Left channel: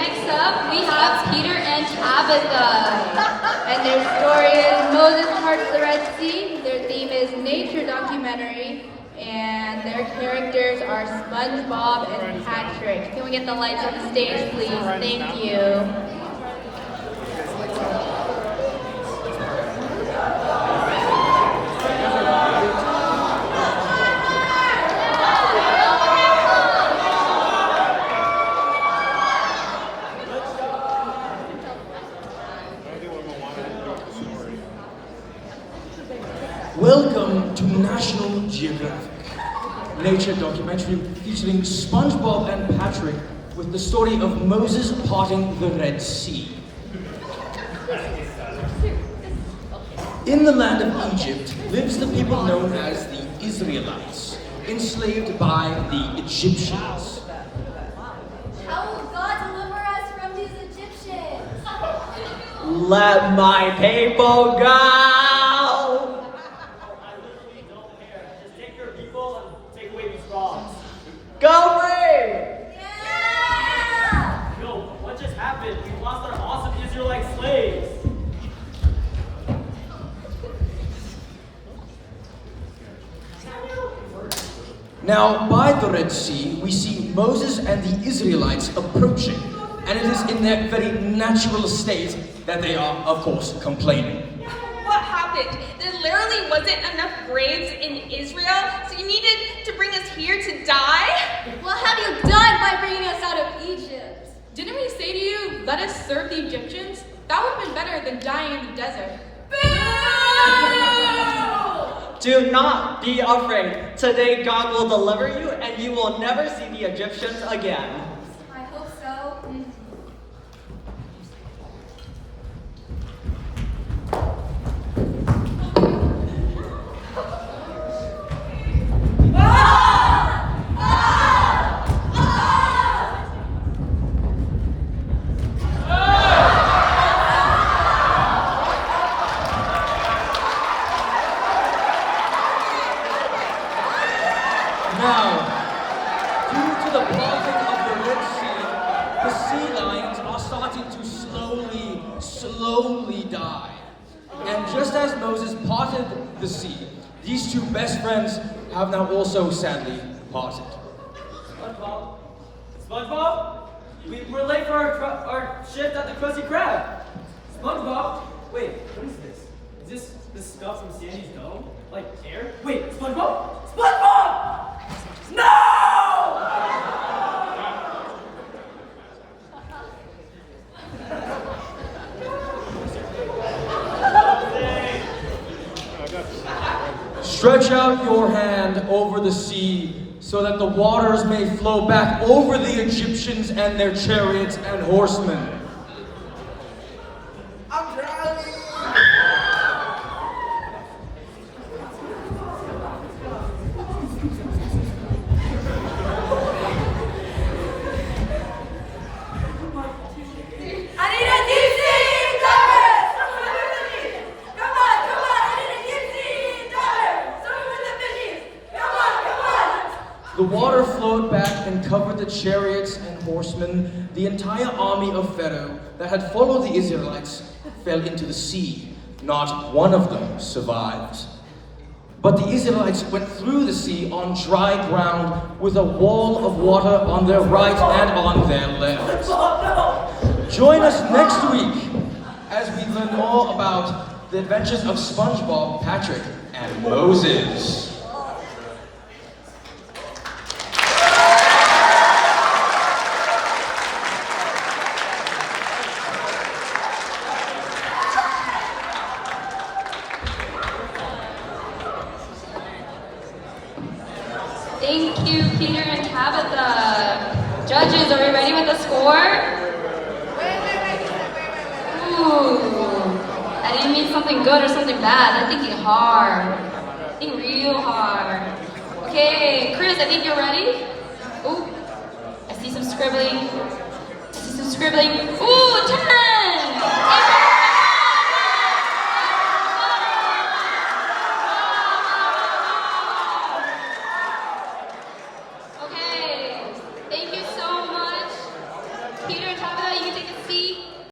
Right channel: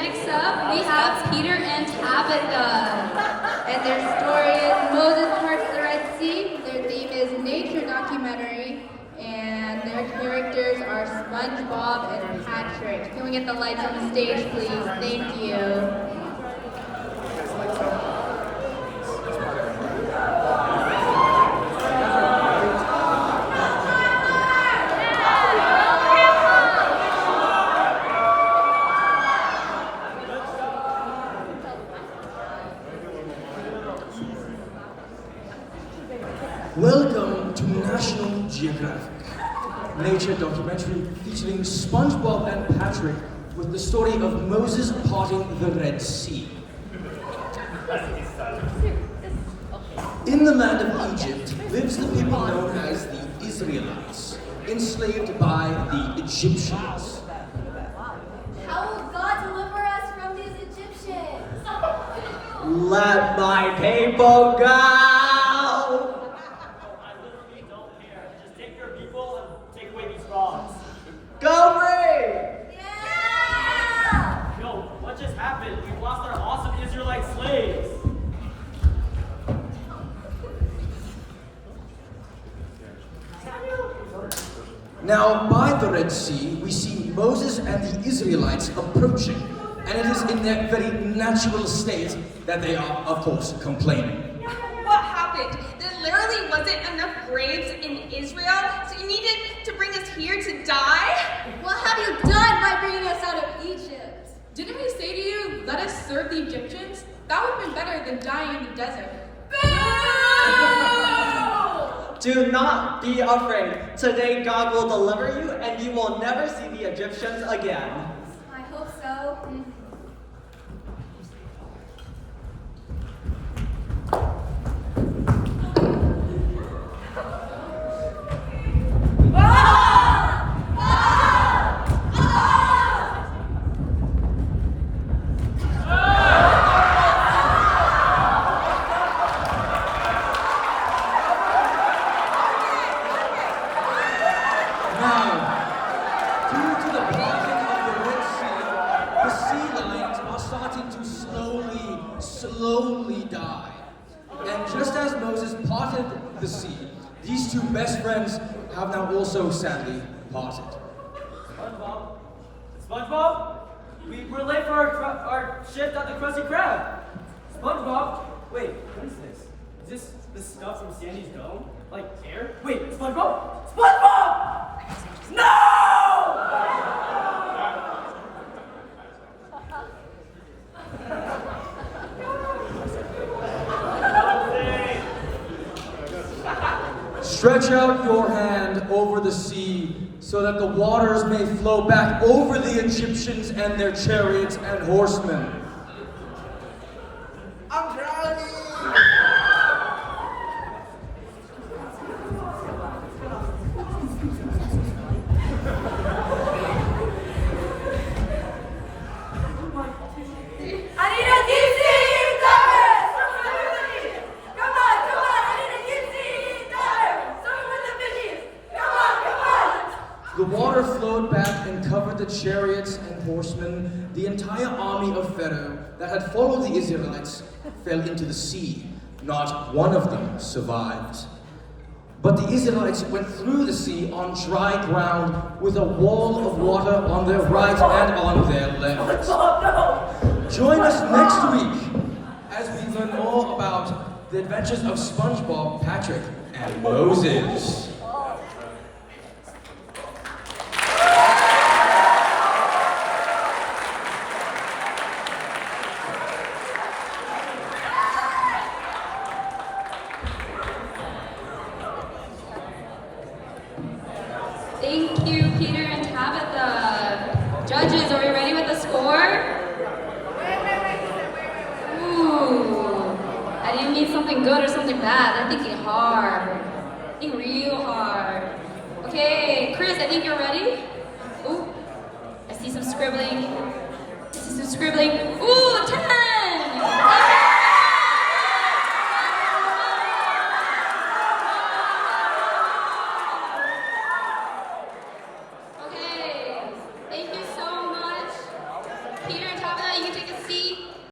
Next up, we have Peter and Tabitha. And their story is Moses Parts the Red Sea. Their theme is nature documentary. And their characters are Spongebob and Patrick. Can we get the lights on the stage, please? Thank you. Welcome to National Geographic, nature documentary featuring SpongeBob and Patrick with the story of Moses parting the Red Sea. In the land of Egypt lives the people known as the Israelites, enslaved by the Egyptians. How will God deliver us from these Egyptians? Let my people go! Go free! Yeah! Yo, what just happened? We lost our awesome Israelite slaves. Now, by the Red Sea, we see Moses and the Israelites approaching, and it is in their very natural state that they are, of course, complaining. What happened? There literally wasn't enough graves in Israel, so you needed to bring us here to die? What have you done by bringing us out of Egypt? Didn't we say to you, let us serve the Egyptians? That would have been better than dying in the desert. Do not be afraid. Today God will deliver you and you will never see the Egyptians again. I hope so. Slowly die. And just as Moses parted the sea, these two best friends have now also sadly parted. SpongeBob? SpongeBob? We're late for our shift at the Krusty Krab. SpongeBob? Wait, what is this? Is this the stuff from Sandy's dome? Like air? Wait, SpongeBob? SpongeBob! No! Stretch out your hand over the sea so that the waters may flow back over the Egyptians and their chariots and horsemen. I'm drowning! I need a deep sea diver! Come on, I need a deep sea diver! Someone with the fishies! Come on! The water flowed back and covered the chariots and horsemen. The entire army of Pharaoh that had followed the Israelites fell into the sea. Not one of them survived. But the Israelites went through the sea on dry ground with a wall of water on their right and on their left. Join us next week as we learn more about the adventures of SpongeBob, Patrick, and Moses. Thank you, Peter and Tabitha. Judges, are we ready with the score? Wait. Ooh, I didn't mean something good or something bad. I'm thinking hard. Think real hard. Okay, Chris, I think you're ready. Ooh, I see some scribbling. Ooh, 10! Okay, thank you so much. Peter and Tabitha, you can take